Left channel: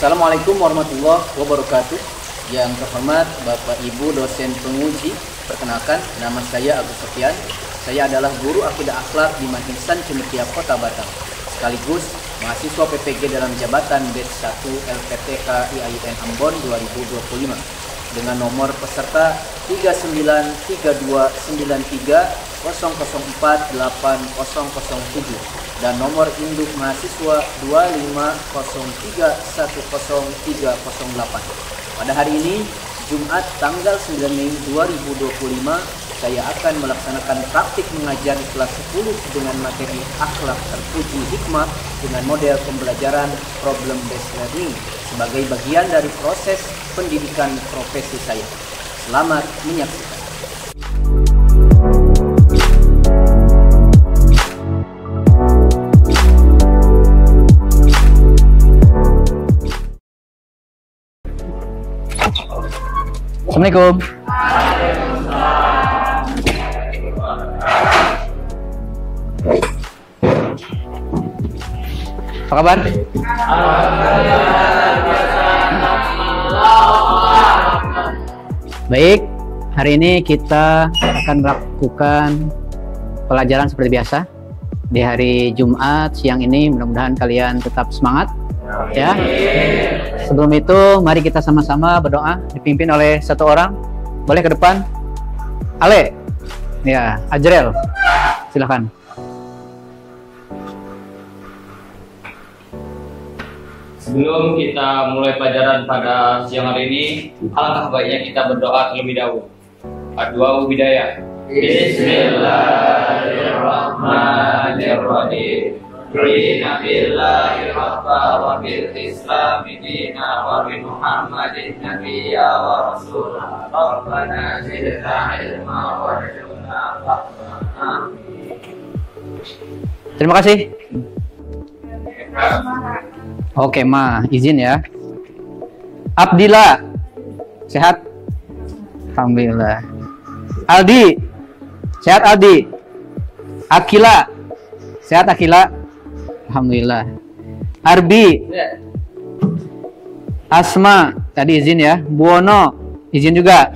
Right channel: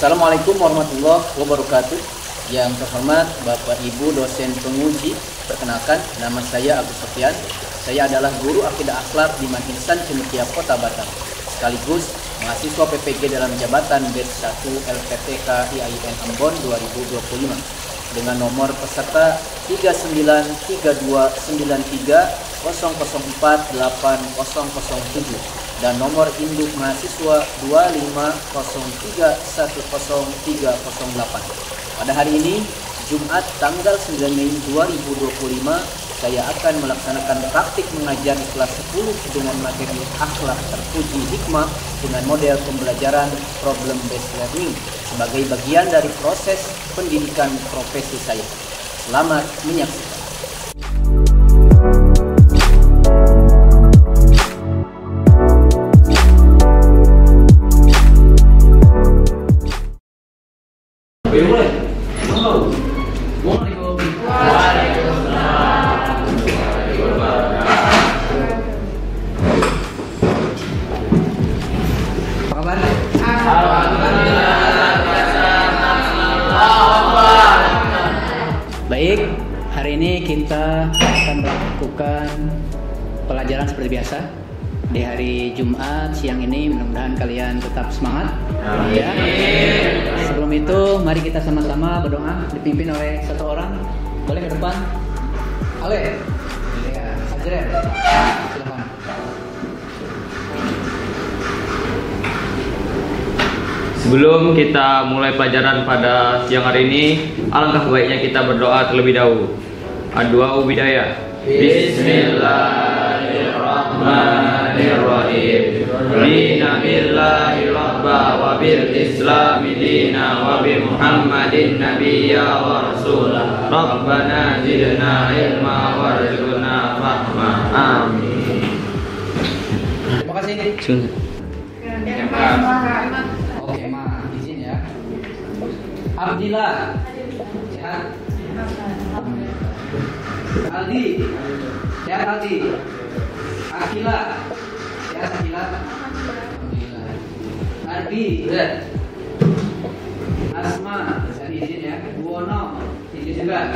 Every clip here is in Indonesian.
Assalamualaikum warahmatullahi wabarakatuh. Yang terhormat Bapak Ibu dosen penguji, perkenalkan nama saya Agus Sofyan. Saya adalah guru akidah akhlak di Manhisan Cendekia Kota Batam, sekaligus mahasiswa PPG dalam jabatan batch 1 LPTK IAIN Ambon 2025 dengan nomor peserta 393293004807 dan nomor induk mahasiswa 250310308. Pada hari ini, Jumat tanggal 9 Mei 2025, saya akan melaksanakan praktik mengajar di kelas 10 dengan materi akhlak terpuji hikmah dengan model pembelajaran problem based learning sebagai bagian dari proses pendidikan profesi saya. Selamat menyaksikan. Assalamualaikum. Apa kabar? Baik, hari ini kita akan melakukan pelajaran seperti biasa di hari Jumat siang ini. Mudah-mudahan kalian tetap semangat. Ya. Sebelum itu, mari kita sama-sama berdoa dipimpin oleh satu orang. Boleh ke depan? Ale, ya, Ajrel, silakan. Sebelum kita mulai pelajaran pada siang hari ini, alangkah baiknya kita berdoa terlebih dahulu. Ad-du'a bidayah. Bismillahirrahmanirrahim. Rina billahi rabba wa bil islami dina wa bi muhammadin nabiyya wa rasulah. Rabbana zidna ilma warzuqna fahma. Amin. Terima kasih. Oke, Ma, izin ya. Abdillah, sehat? Alhamdulillah. Aldi, sehat Aldi? Akila, sehat Akila? Alhamdulillah. Arbi, Asma, tadi izin ya. Buono, izin juga.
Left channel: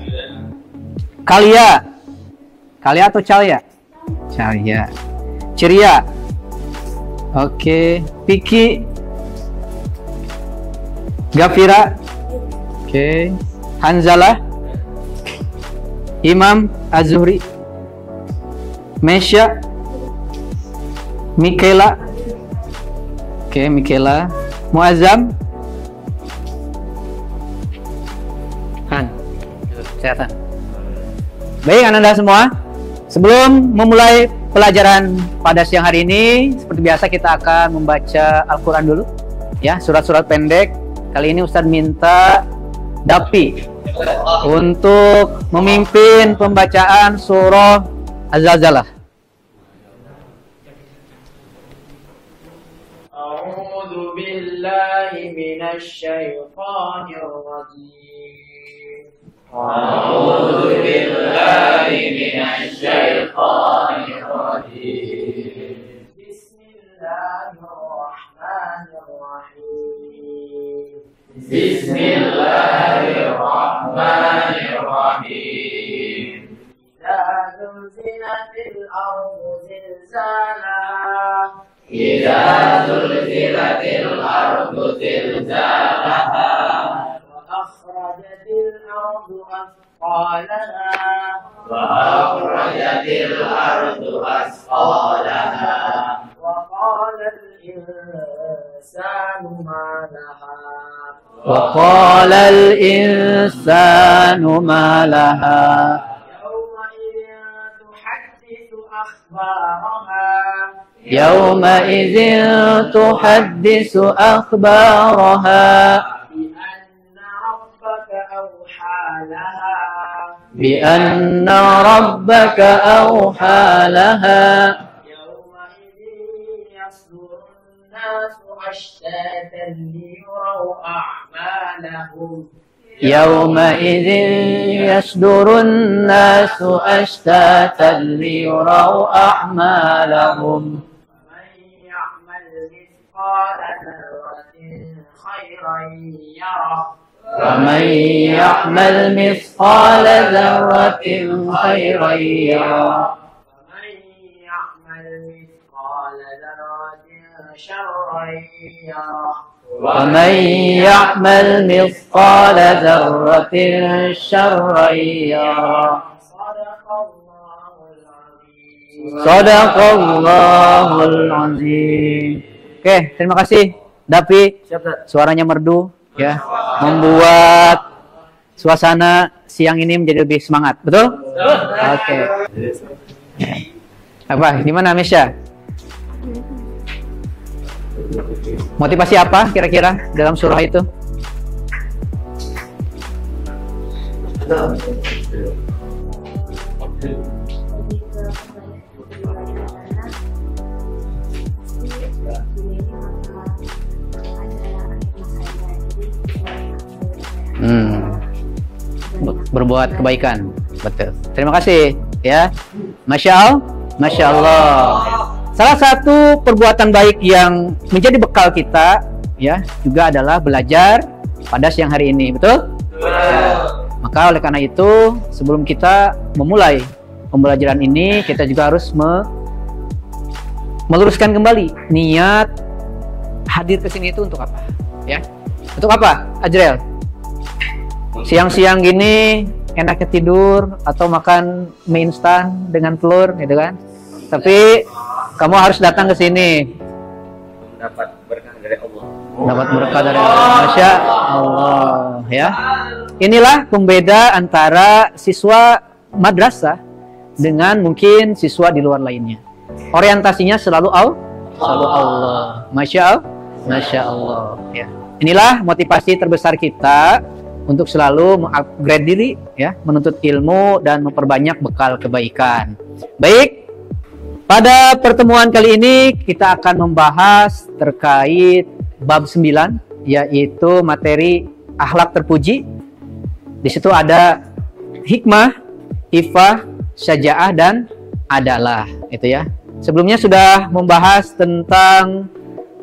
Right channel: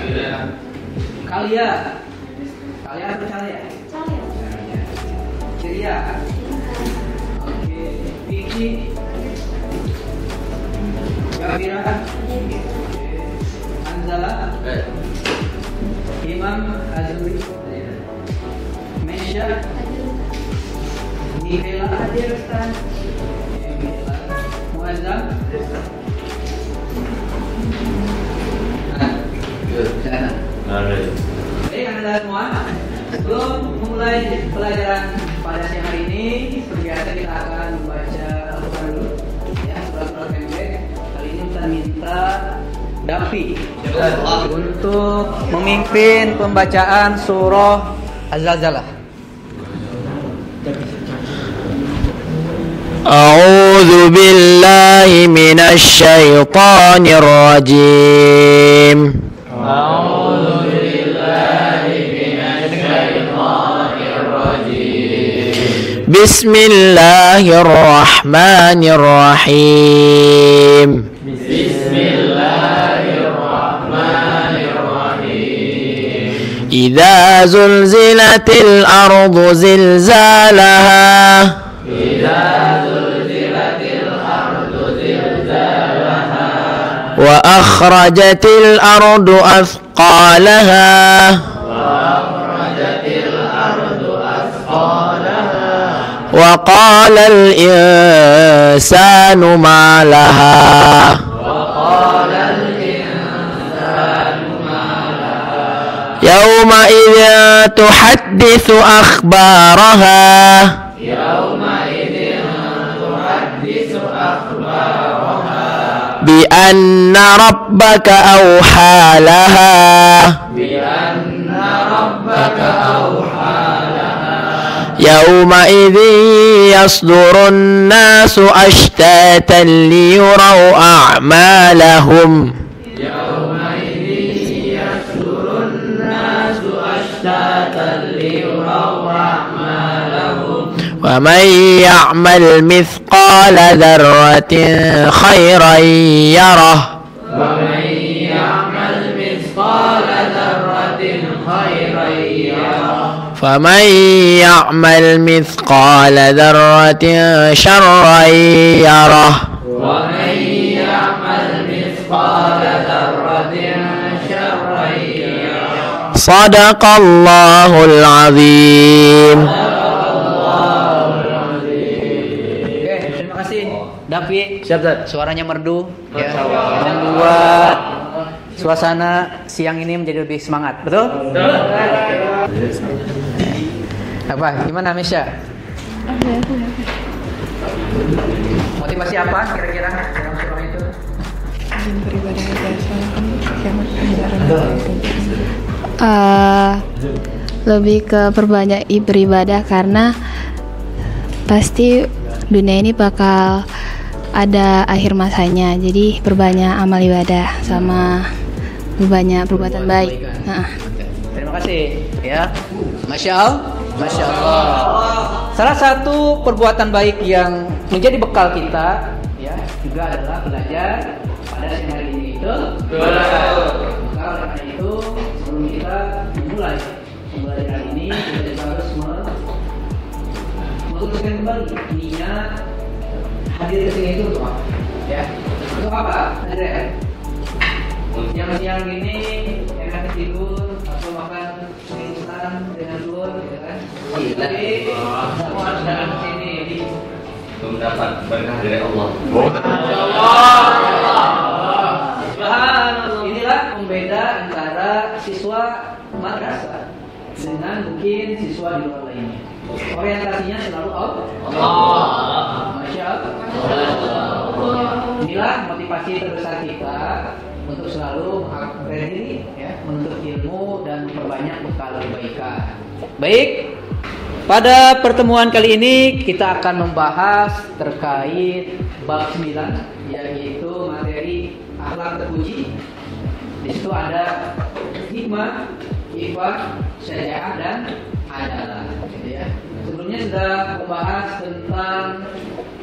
Kalia, Kalia atau Calia? Calia. Ceria. Oke. Piki, Gafira. Oke. Hanzalah. Imam Az-Zuhri. Mesya. Mikela. Oke, Mikela. Muazzam. Sehat. Baik, Anda semua. Sebelum memulai pelajaran pada siang hari ini, seperti biasa kita akan membaca Al-Quran dulu. Ya, surat-surat pendek. Kali ini Ustadz minta Dapi untuk memimpin pembacaan surah Az-Zalzalah. A'udzu billahi minasy syaithanir rajim. A'udzu billahi minasy syaithanir rajim. Bismillahirrahmanirrahim. Bismillahirrahmanirrahim. Idza zulzilatil ardu zilzalaha. Wa akhrajatil ardu athqalaha. Wa qala al insanu ma laha. Yawma idza tuhadditsu akhbaraha. بأن ربك أوحى لها يومئذ يصدر الناس أشتاتا ليروا أعمالهم يومئذ يصدر الناس أشتاتا ليروا أعمالهم ومن يعمل مثقال ذرة خيرا يره ومن يعمل مثقال ذرة خيرا يره فمن يعمل مثقال ذرة شرا يره ومن يعمل مثقال ذرة شرا يره صدق الله العظيم. Sadaqallahul azim. Oke, terima kasih Davi. Suaranya merdu ya, membuat suasana siang ini menjadi lebih semangat. Betul? Oke. Apa? Gimana Mesya? Motivasi apa kira-kira dalam surah itu? Lebih ke perbanyak beribadah karena pasti dunia ini bakal ada akhir masanya. Jadi perbanyak amal ibadah sama berbanyak Berbuat baik. kebaikan. Betul. Terima kasih ya. Masya Allah. Salah satu perbuatan baik yang menjadi bekal kita ya juga adalah belajar pada siang hari ini, betul? Maka oleh karena itu sebelum kita memulai pembelajaran ini kita juga harus meluruskan kembali niat hadir ke sini itu untuk apa? Ya. Untuk apa, Ajrel? Siang-siang gini enaknya tidur atau makan mie instan dengan telur gitu kan? Tapi kamu harus datang ke sini. Mendapat berkah dari Allah. Dapat berkah dari Masya Allah. Ya. Inilah pembeda antara siswa madrasah dengan mungkin siswa di luar lainnya. Orientasinya selalu Allah. Masya Allah. Ya. Inilah motivasi terbesar kita untuk selalu mengupgrade diri, ya, menuntut ilmu dan memperbanyak bekal kebaikan. Baik, pada pertemuan kali ini kita akan membahas terkait bab 9, yaitu materi akhlak terpuji. Di situ ada hikmah, ifah, syaja'ah dan adalah, gitu ya. Sebelumnya sudah membahas tentang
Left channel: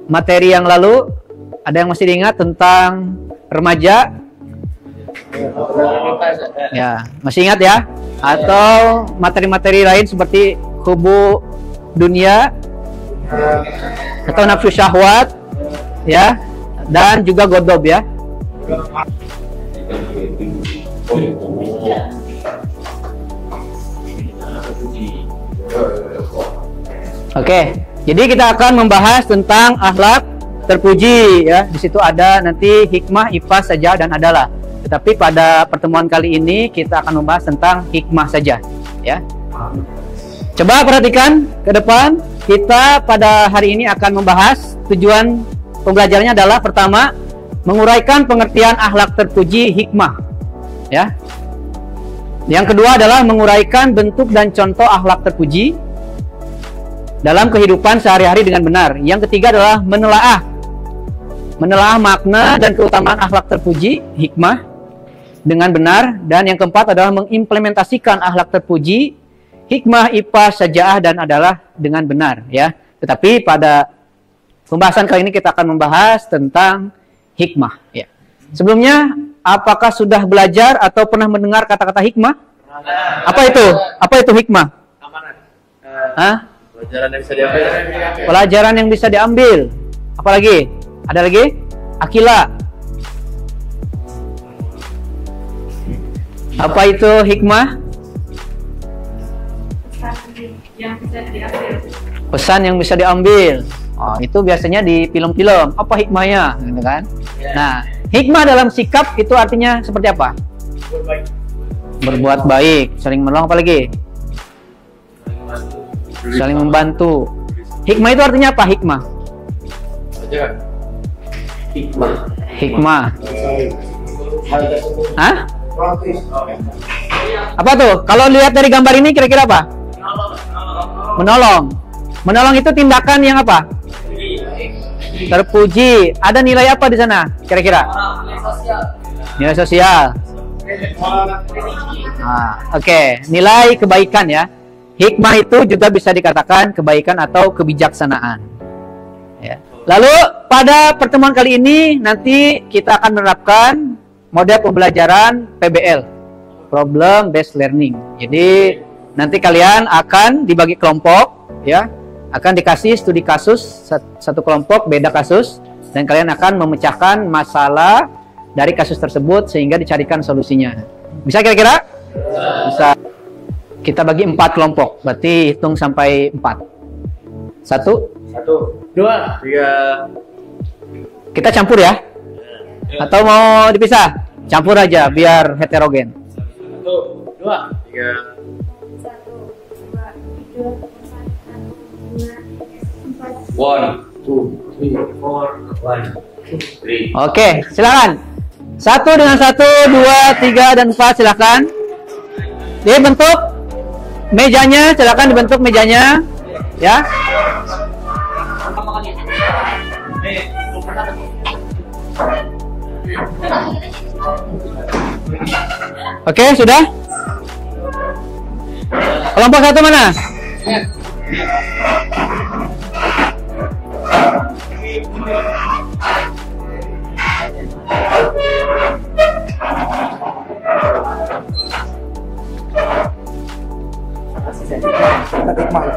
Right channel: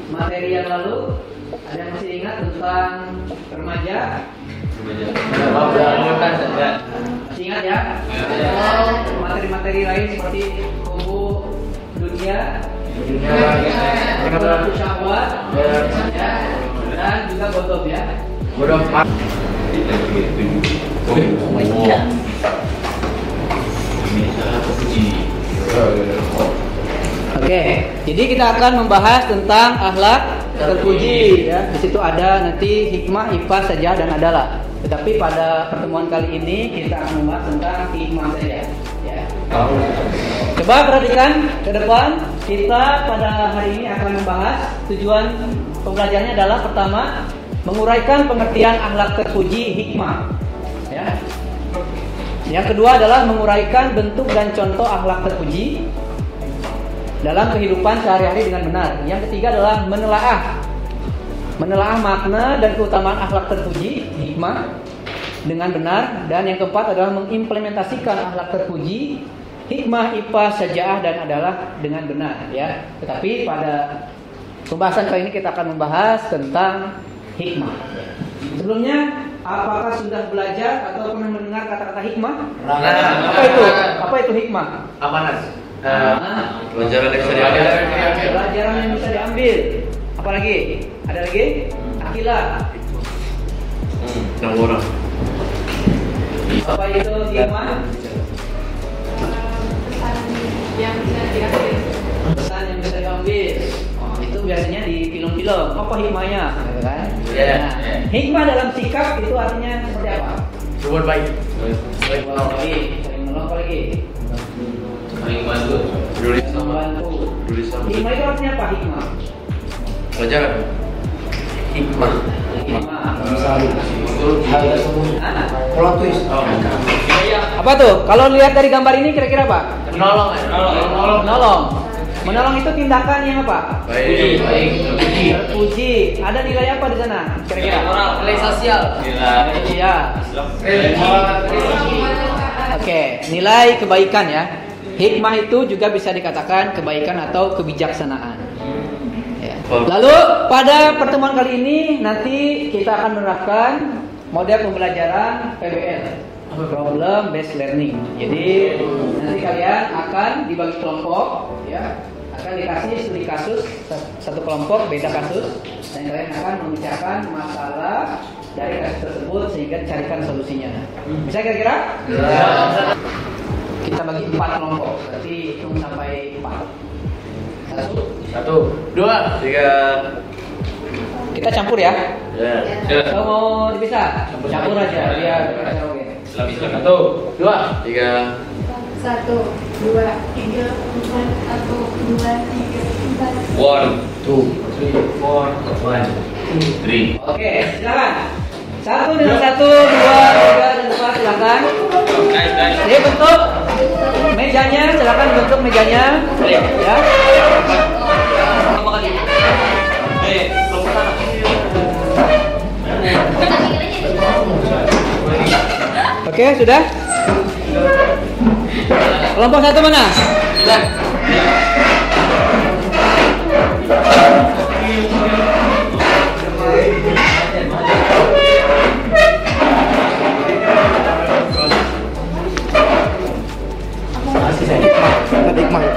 materi yang lalu. Ada yang masih diingat tentang remaja? Ya, masih ingat ya? Atau materi-materi lain seperti kubu dunia atau nafsu syahwat, ya, dan juga godob ya. Oke, jadi kita akan membahas tentang akhlak terpuji ya. Di situ ada nanti hikmah, ifah, saja dan adalah. Tapi pada pertemuan kali ini kita akan membahas tentang hikmah saja, ya. Coba perhatikan ke depan. Kita pada hari ini akan membahas tujuan pembelajarannya adalah pertama, menguraikan pengertian akhlak terpuji hikmah, ya. Yang kedua adalah menguraikan bentuk dan contoh akhlak terpuji dalam kehidupan sehari-hari dengan benar. Yang ketiga adalah menelaah makna dan keutamaan akhlak terpuji hikmah dengan benar, dan yang keempat adalah mengimplementasikan akhlak terpuji hikmah, ifah, syaja'ah dan adalah dengan benar, ya. Tetapi pada pembahasan kali ini kita akan membahas tentang hikmah, ya. Sebelumnya, apakah sudah belajar atau pernah mendengar kata-kata hikmah? Apa itu hikmah? Pelajaran yang bisa diambil. Apalagi? Ada lagi? Akila. Apa itu hikmah? Pesan yang bisa diambil. Oh, itu biasanya di film-film. Apa hikmahnya? Gitu kan? Nah, hikmah dalam sikap itu artinya seperti apa? Berbuat baik. Berbuat baik, saling menolong, apa lagi? Saling membantu. Hikmah itu artinya apa? Hikmah. Pelajaran. Hikmah. Hah? Apa tuh? Kalau lihat dari gambar ini kira-kira apa? Menolong. Menolong itu tindakan yang apa? Terpuji. Ada nilai apa di sana kira-kira? Nilai sosial. Nilai sosial. Oke, nilai kebaikan ya. Hikmah itu juga bisa dikatakan kebaikan atau kebijaksanaan. Ya. Lalu pada pertemuan kali ini nanti kita akan menerapkan model pembelajaran PBL, Problem Based Learning. Jadi nanti kalian akan dibagi kelompok, ya, akan dikasih studi kasus satu kelompok beda kasus, dan kalian akan memecahkan masalah dari kasus tersebut sehingga dicarikan solusinya. Bisa kira-kira? Bisa. Kita bagi 4 kelompok, berarti hitung sampai 4. 1, 2, 3. Kita campur ya? Atau mau dipisah? Campur aja biar heterogen. 1, 2, 3. 1, 2, 3, 4, 1, 2, 3, 4. 1, 2, 3, 4, 1, 2, 3. Oke, silakan. 1 dengan 1, 2, 3 dan 4 silakan. Ini bentuk mejanya, silakan dibentuk mejanya, ya. Oke, sudah. Kelompok 1 mana?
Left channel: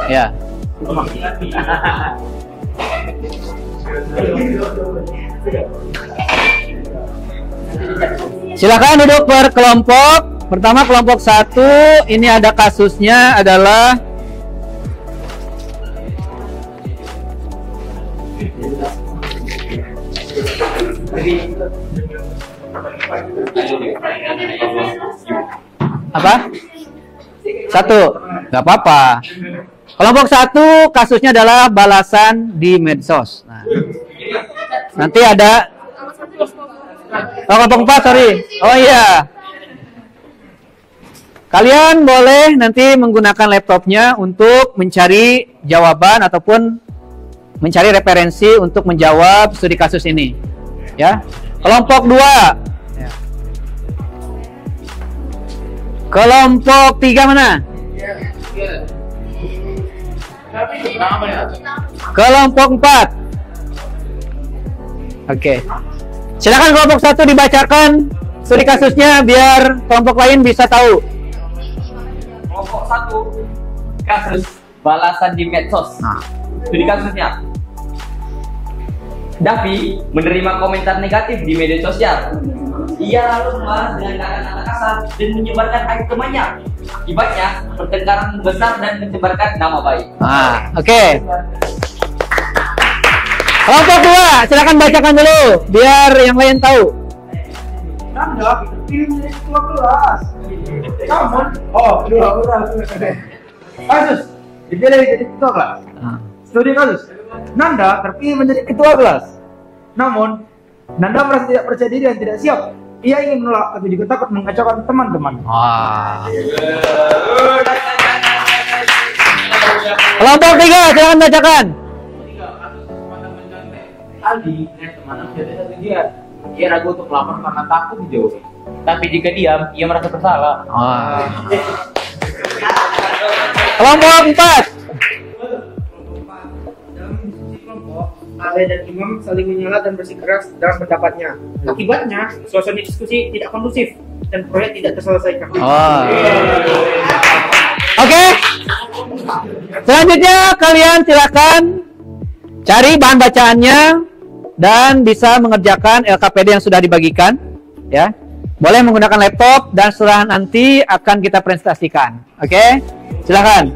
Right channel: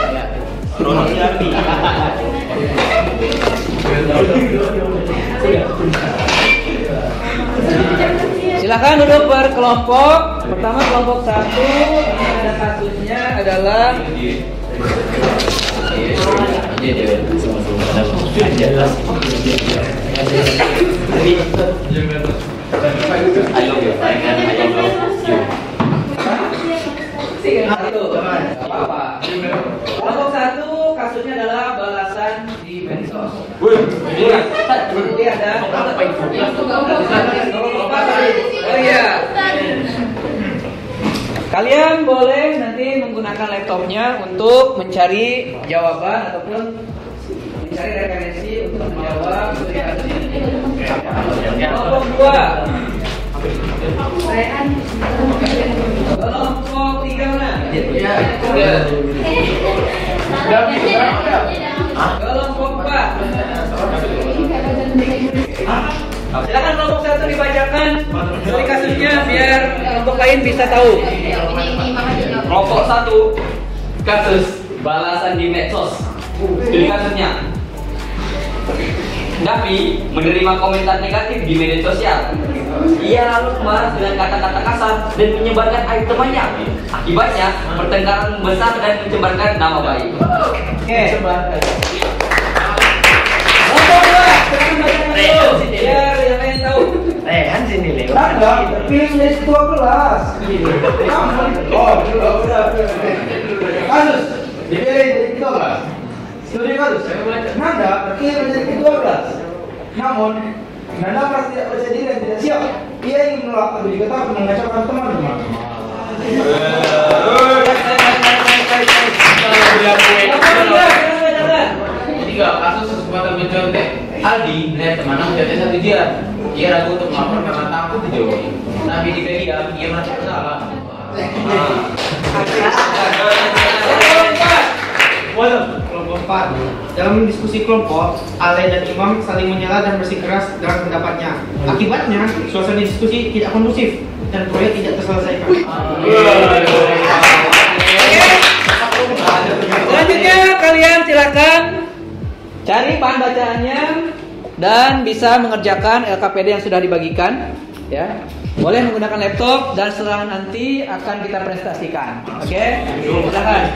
Ya. Silakan duduk per kelompok. Pertama kelompok 1, ini ada kasusnya adalah apa? 1, nggak apa-apa. Kelompok 1 kasusnya adalah balasan di medsos. Nanti ada kelompok 4, sorry. Oh iya. Kalian boleh nanti menggunakan laptopnya untuk mencari jawaban ataupun mencari referensi untuk menjawab studi kasus ini. Ya. Kelompok 2. Kelompok 3 mana? Kelompok 4. Oke. Silakan kelompok 1 dibacakan studi kasusnya biar kelompok lain bisa tahu. Kelompok 1, kasus balasan di medsos. Studi kasusnya. Davi menerima komentar negatif di media sosial. Ia lalu marah dengan kata-kata kasar dan menyebarkan aib temannya. Akibatnya pertengkaran besar dan mencemarkan nama baik. Oke. Kelompok 2, silakan bacakan dulu biar yang lain tahu. Pilih menjadi ketua kelas. Kasus dipilih jadi ketua kelas. Studi kasus. Nanda terpilih menjadi ketua kelas. Namun Nanda merasa tidak percaya diri dan tidak siap. Ia ingin menolak tapi diketahui mengacaukan teman-teman. Kelompok 3, silakan bacakan. Kasus sesuatu mencontek Aldi melihat temannya mencontek satu jiran. Ia ragu untuk melapor karena takut dijauhi. Tapi jika diam, ia merasa bersalah. Kelompok 4. Kelompok 4. Dalam diskusi kelompok, Ale dan Imam saling menyela dan bersikeras dalam pendapatnya. Akibatnya, suasana diskusi tidak kondusif dan proyek tidak terselesaikan. Oke. Selanjutnya kalian silakan cari bahan bacaannya dan bisa mengerjakan LKPD yang sudah dibagikan, ya. Boleh menggunakan laptop dan setelah nanti akan kita presentasikan. Oke? Silakan.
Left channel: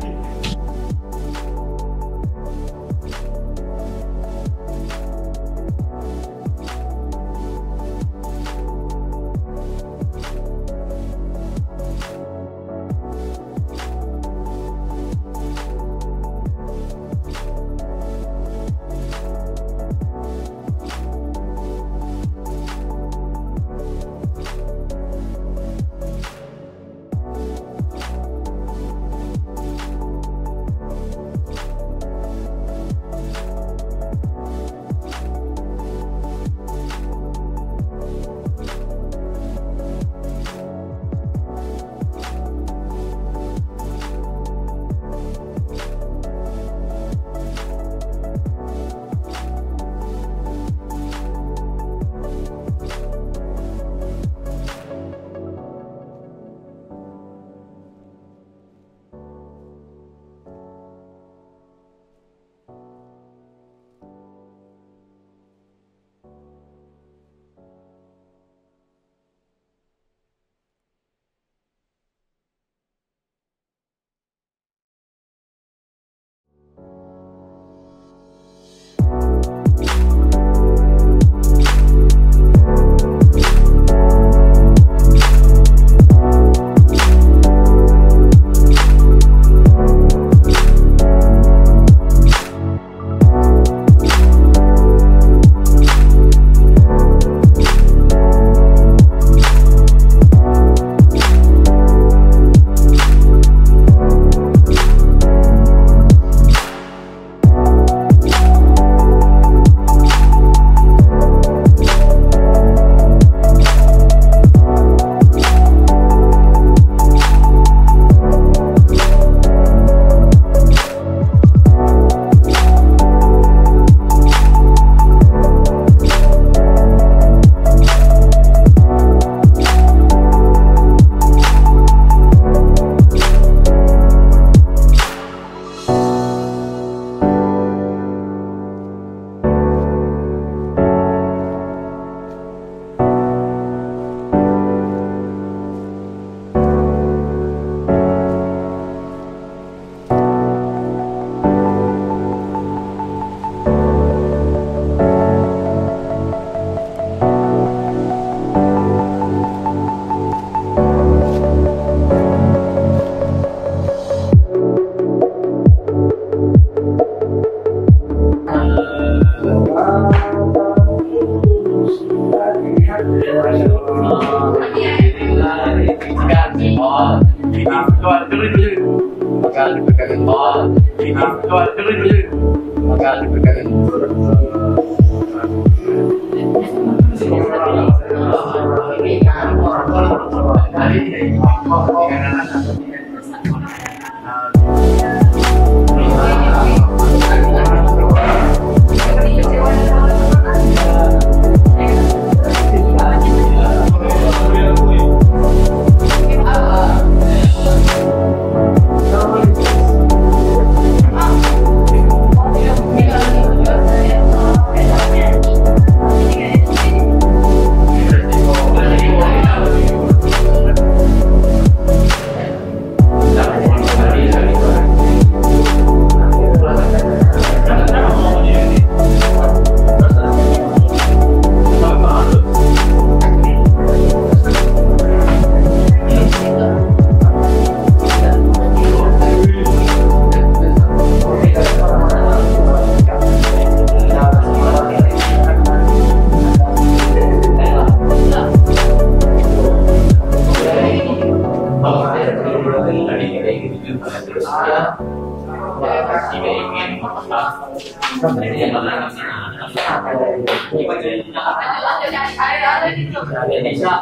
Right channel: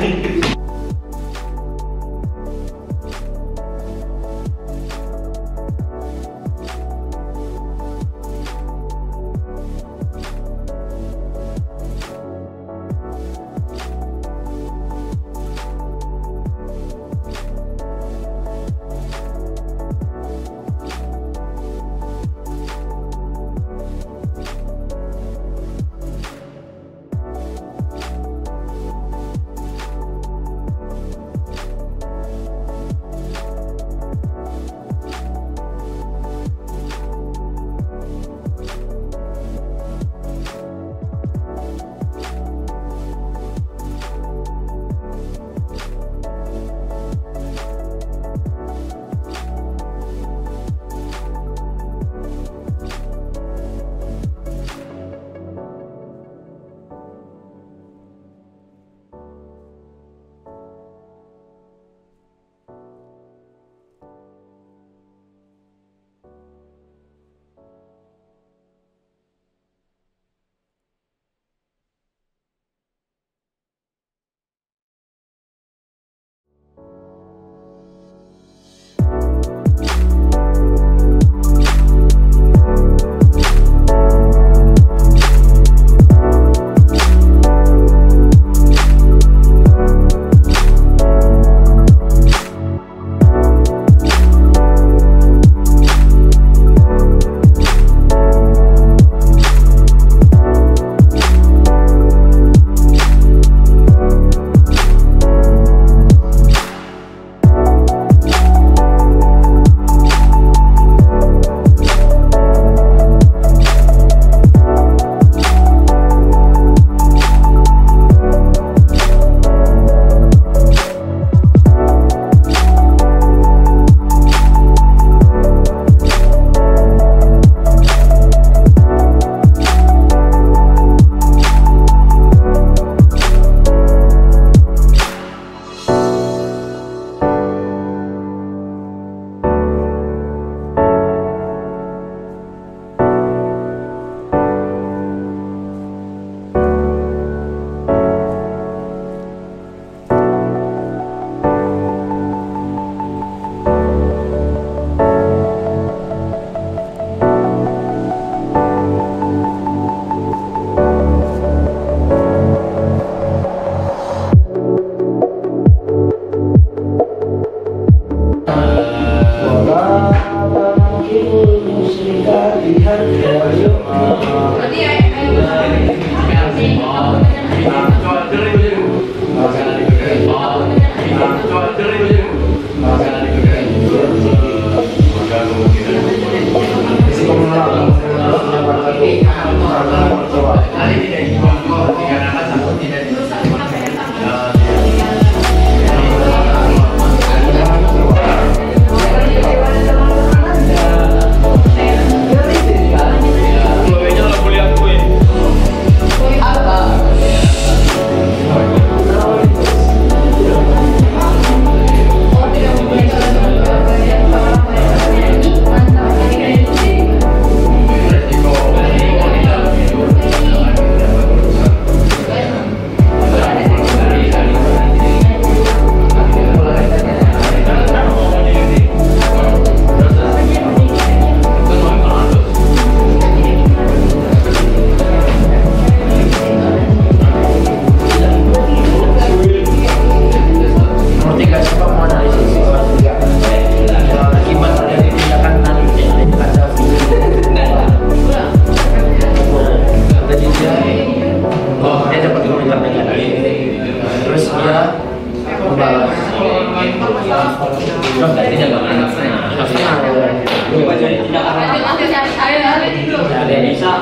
Bisa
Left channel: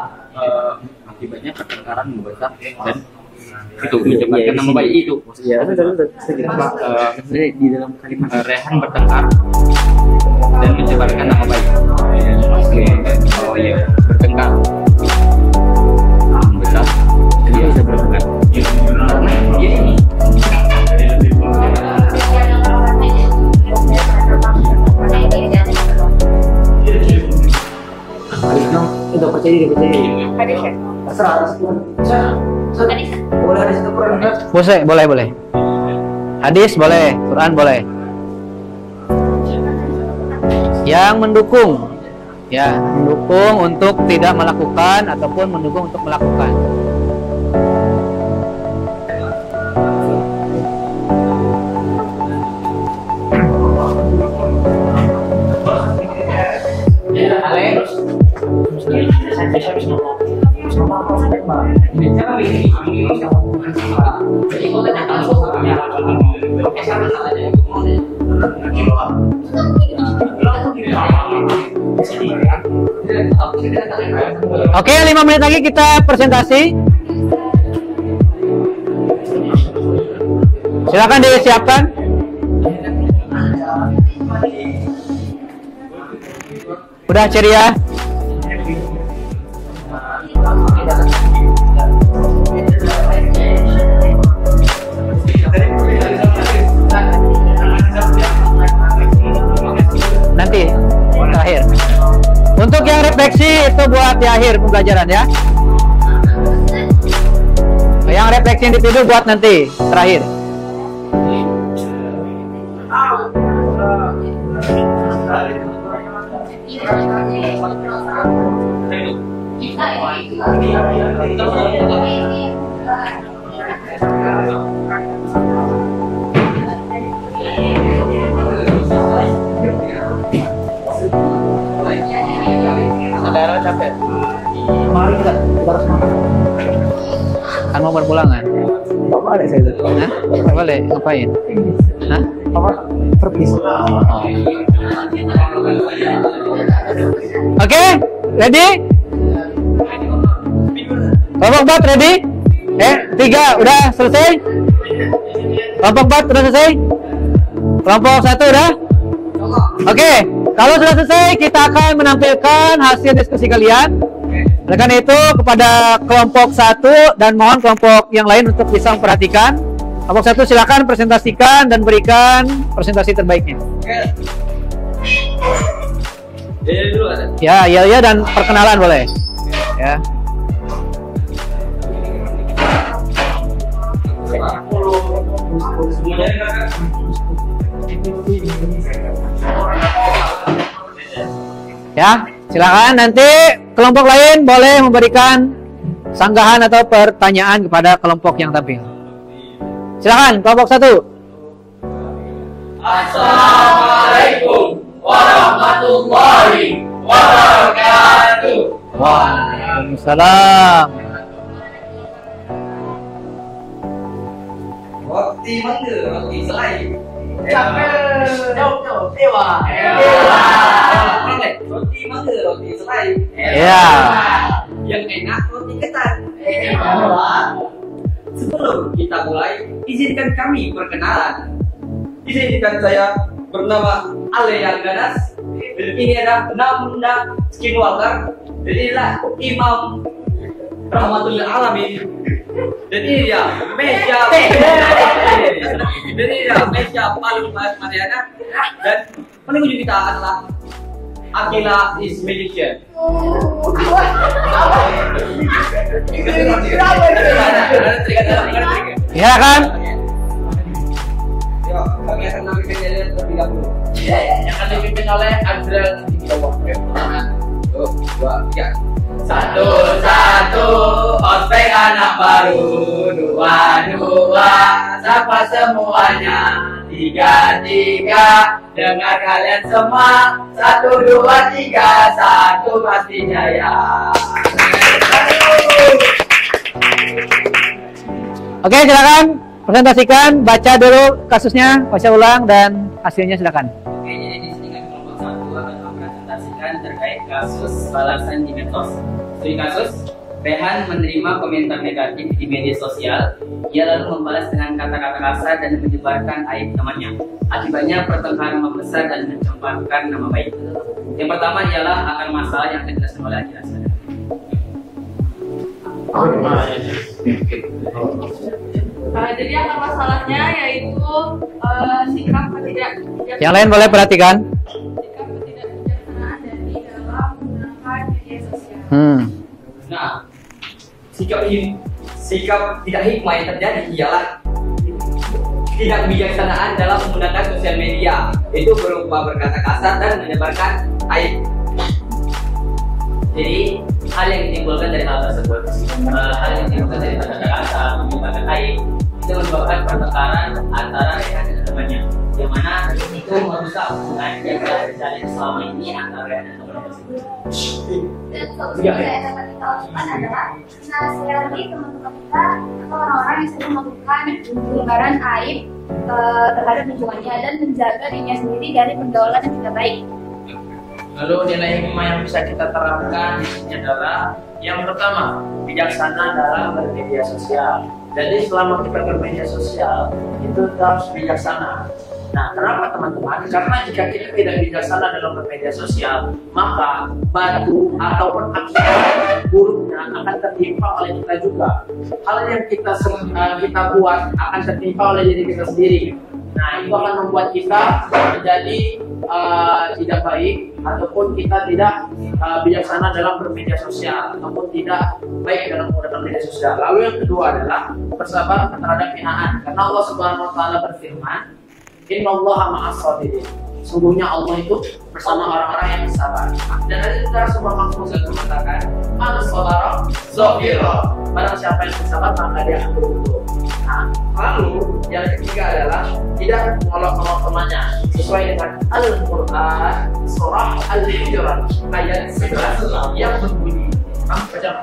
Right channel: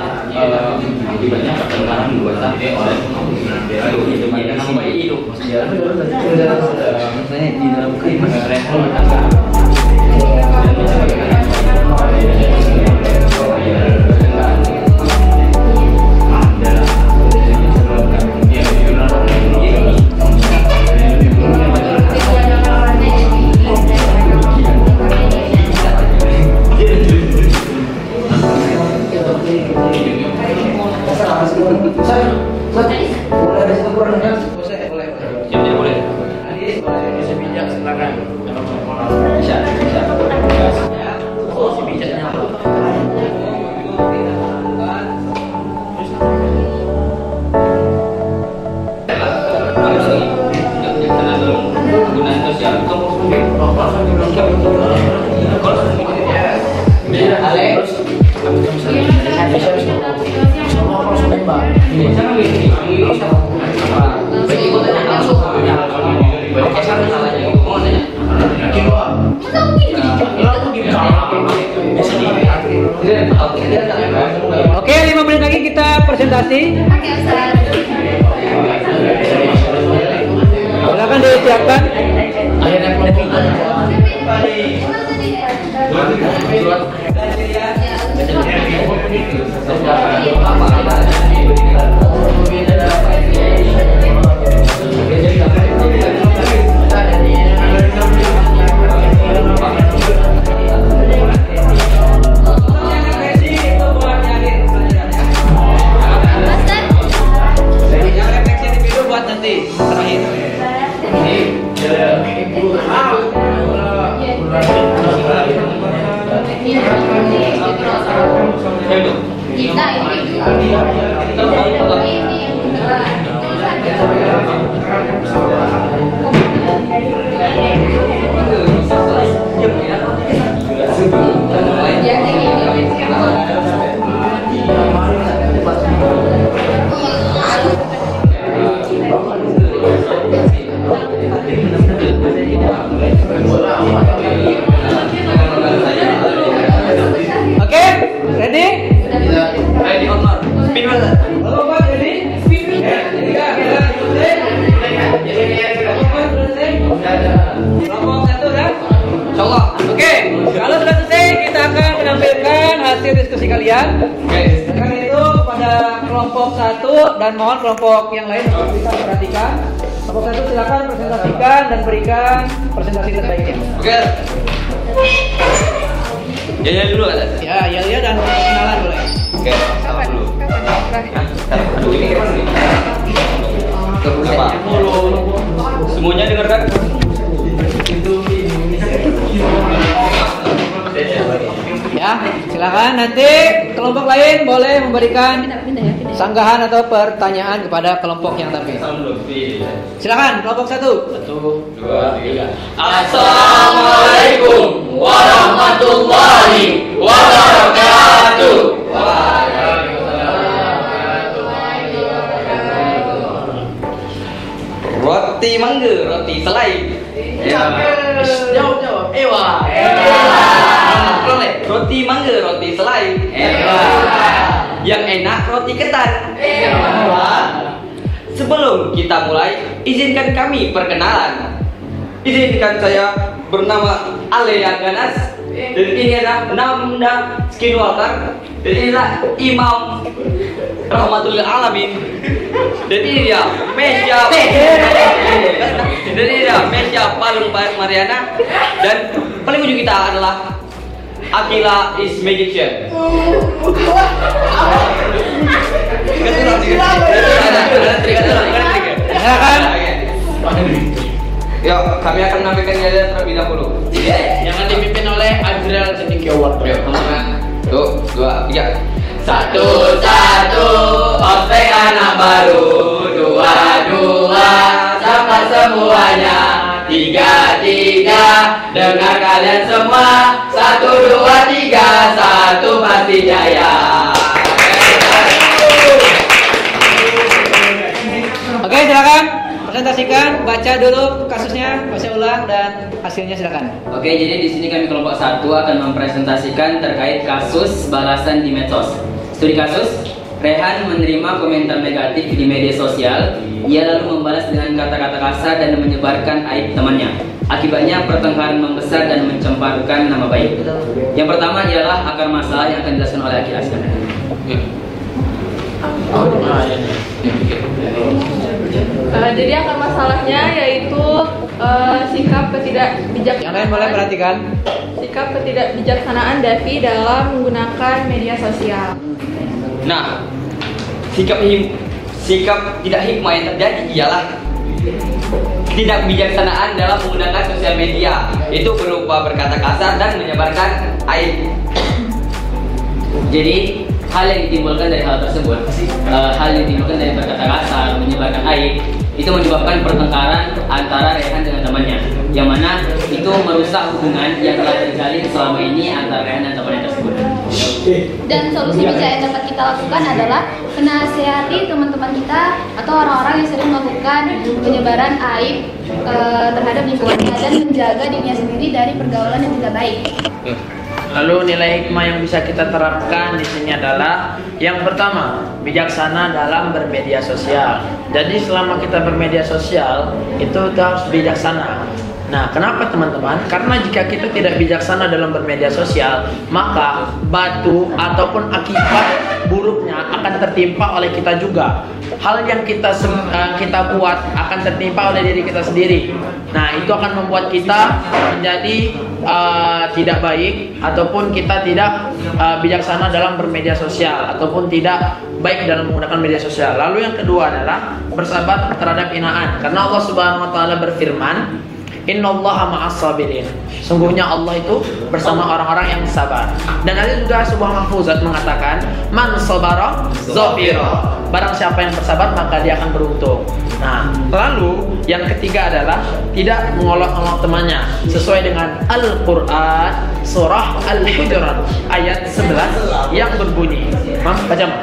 akibatnya pertengkaran dua sampai orang itu menyebabkan nama baik itu. Ya, saya di dalam respon bertengkar dan menyebabkan nama baik. Bertengkar adalah boleh. Hadis boleh, Quran boleh. Yang mendukung, ya, mendukung untuk tidak melakukan ataupun mendukung untuk melakukan. Oke, 5 menit lagi kita presentasi. Silakan disiapkan. Udah ceria. Nanti terakhir. Untuk yang refleksi itu buat di akhir pembelajaran ya. Yang refleksi di situ buat nanti terakhir. Kan mau pulang ya? Boleh, ngapain? Oke, ready? Kelompok 4 ready? 3 udah selesai? Kelompok 4 udah selesai? Kelompok 1 udah? Oke, kalau sudah selesai kita akan menampilkan hasil diskusi kalian. Dengan itu kepada kelompok 1 dan mohon kelompok yang lain untuk bisa memperhatikan. Kelompok 1 silakan presentasikan dan berikan presentasi terbaiknya. Oke. Ya dulu ada. Ya dan perkenalan boleh. Oke. Ya. Semuanya dengar kan? Ya, silakan nanti kelompok lain boleh memberikan sanggahan atau pertanyaan kepada kelompok yang tampil. Silakan kelompok 1. 1, 2, 3. Assalamualaikum warahmatullahi wabarakatuh. Waalaikumsalam. Roti mangga, roti selai. Jawab. Ewa. Roti mangga, roti selai. Ya. Yang enak roti ketan. Sebelum kita mulai, izinkan kami perkenalan. Izinkan saya bernama Ale yang ganas. Dan ini adalah Namda Skinwalker. Dan inilah Imam Rahmatul Alamin. Dan ini dia Mesya. Dan ini dia Mesya Palung Mariana. Dan paling ujung kita adalah Akila is magician. Ya kan? Yuk, kami akan menampilkan dia terlebih dahulu. Yang akan dipimpin oleh Azrael Sedikiawan. Tuh, 2, 3. 1, ospek anak baru. 2, sapa semuanya. 3, dengar kalian semua. 1, 2, 3, 1 pasti jaya. Oke, silakan presentasikan, baca dulu kasusnya, baca ulang dan hasilnya silakan. Oke, jadi di sini kami kelompok 1 akan mempresentasikan terkait kasus balasan di medsos. Studi kasus, Rehan menerima komentar negatif di media sosial. Ia lalu membalas dengan kata-kata kasar dan menyebarkan aib temannya. Akibatnya pertengkaran membesar dan mencemparkan nama baik. Yang pertama ialah akar masalah yang akan dijelaskan oleh Aki Askan. Jadi akar masalahnya yaitu sikap ketidakbijaksanaan. Yang lain boleh perhatikan. Sikap ketidakbijaksanaan Davi dalam menggunakan media sosial. Nah, sikap tidak hikmah yang terjadi ialah tidak kebijaksanaan dalam menggunakan sosial media. Itu berupa berkata kasar dan menyebarkan aib. Jadi hal yang ditimbulkan dari hal tersebut, hal yang ditimbulkan dari berkata kasar, menyebarkan aib, itu menyebabkan pertengkaran antara Rehan dengan temannya, yang mana itu merusak hubungan yang telah terjalin selama ini antara Rehan dan temannya tersebut. Dan solusi bijak yang dapat kita lakukan adalah menasihati teman-teman kita atau orang-orang yang sering melakukan penyebaran aib terhadap lingkungannya dan menjaga dirinya sendiri dari pergaulan yang tidak baik. Lalu nilai hikmah yang bisa kita terapkan di sini adalah yang pertama, bijaksana dalam bermedia sosial. Jadi selama kita bermedia sosial itu kita harus bijaksana. Nah, kenapa teman-teman? Karena jika kita tidak bijaksana dalam bermedia sosial, maka batu ataupun akibat buruknya akan tertimpa oleh kita juga. Hal yang kita buat akan tertimpa oleh diri kita sendiri. Nah, itu akan membuat kita menjadi tidak baik ataupun kita tidak bijaksana dalam bermedia sosial ataupun tidak baik dalam menggunakan media sosial. Lalu yang kedua adalah bersabar terhadap hinaan. Karena Allah Subhanahu wa taala berfirman, "Innallaha ma'as sabirin." Sungguhnya Allah itu bersama orang-orang yang sabar. Dan ada juga sebuah mahfuzat mengatakan, "Man sabara zafira." Barang siapa yang bersabar maka dia akan beruntung. Nah, lalu yang ketiga adalah tidak mengolok-olok temannya sesuai dengan Al-Qur'an surah Al-Hujurat ayat 11 yang berbunyi. Mam, baca Mam.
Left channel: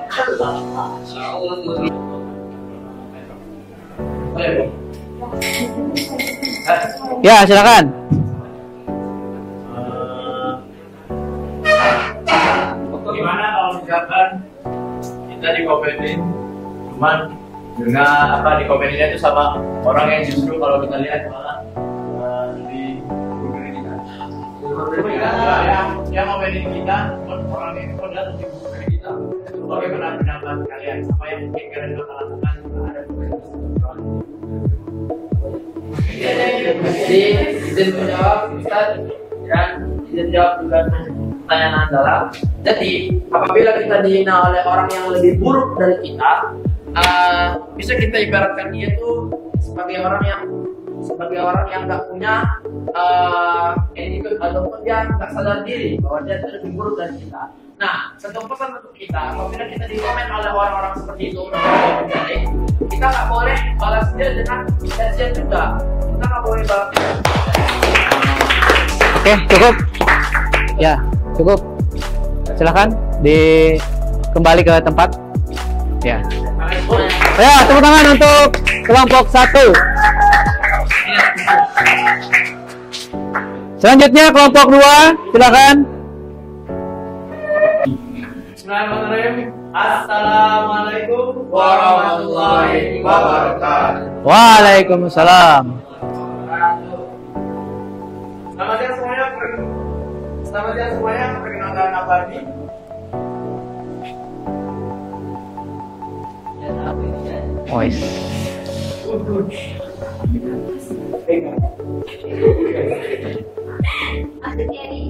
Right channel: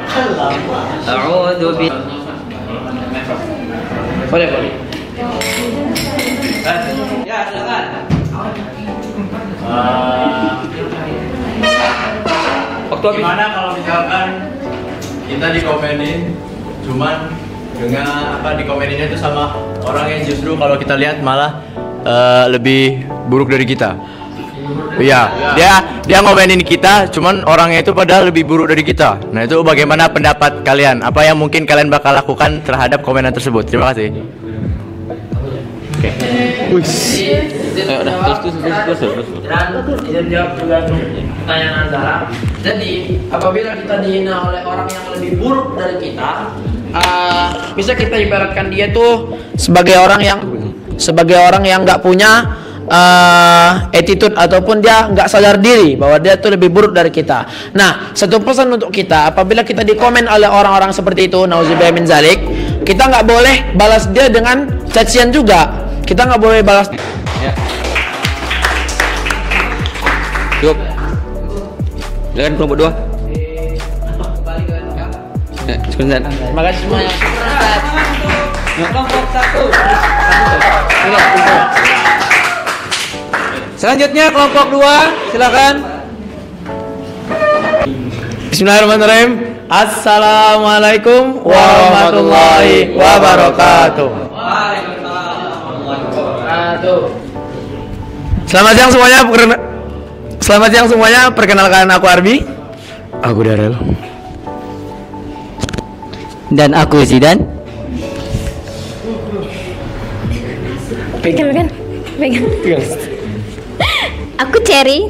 A'udzu bi Boleh. Ya, silakan. Gimana kalau misalkan kita dikomenin, cuman dengan dikomeninnya itu sama orang yang justru kalau kita lihat malah lebih buruk dari kita. Iya, dia ngomenin kita, cuman orangnya itu padahal lebih buruk dari kita. Nah, itu bagaimana pendapat kalian? Apa yang mungkin kalian bakal lakukan terhadap komenan tersebut? Terima kasih. Dan jawab juga pertanyaan adalah, jadi apabila kita dihina oleh orang yang lebih buruk dari kita, bisa kita ibaratkan dia tuh sebagai orang yang nggak punya attitude ataupun dia nggak sadar diri bahwa dia tuh lebih buruk dari kita. Nah, satu pesan untuk kita, apabila kita dikomen oleh orang-orang seperti itu, nauzubillah min zalik, kita nggak boleh balas dia dengan cacian juga. Kita nggak boleh balas. Oke, cukup ya, cukup. Silakan kembali ke tempat. Terima kasih semuanya. Ya, tepuk tangan untuk kelompok 1. Selanjutnya kelompok 2, silakan. Bismillahirrahmanirrahim. Assalamualaikum warahmatullahi wabarakatuh. Waalaikumsalam. Selamat siang semuanya. Perkenalkan aku Arbi. Aku Darel. Dan aku Zidan. Pegang. Aku Cherry.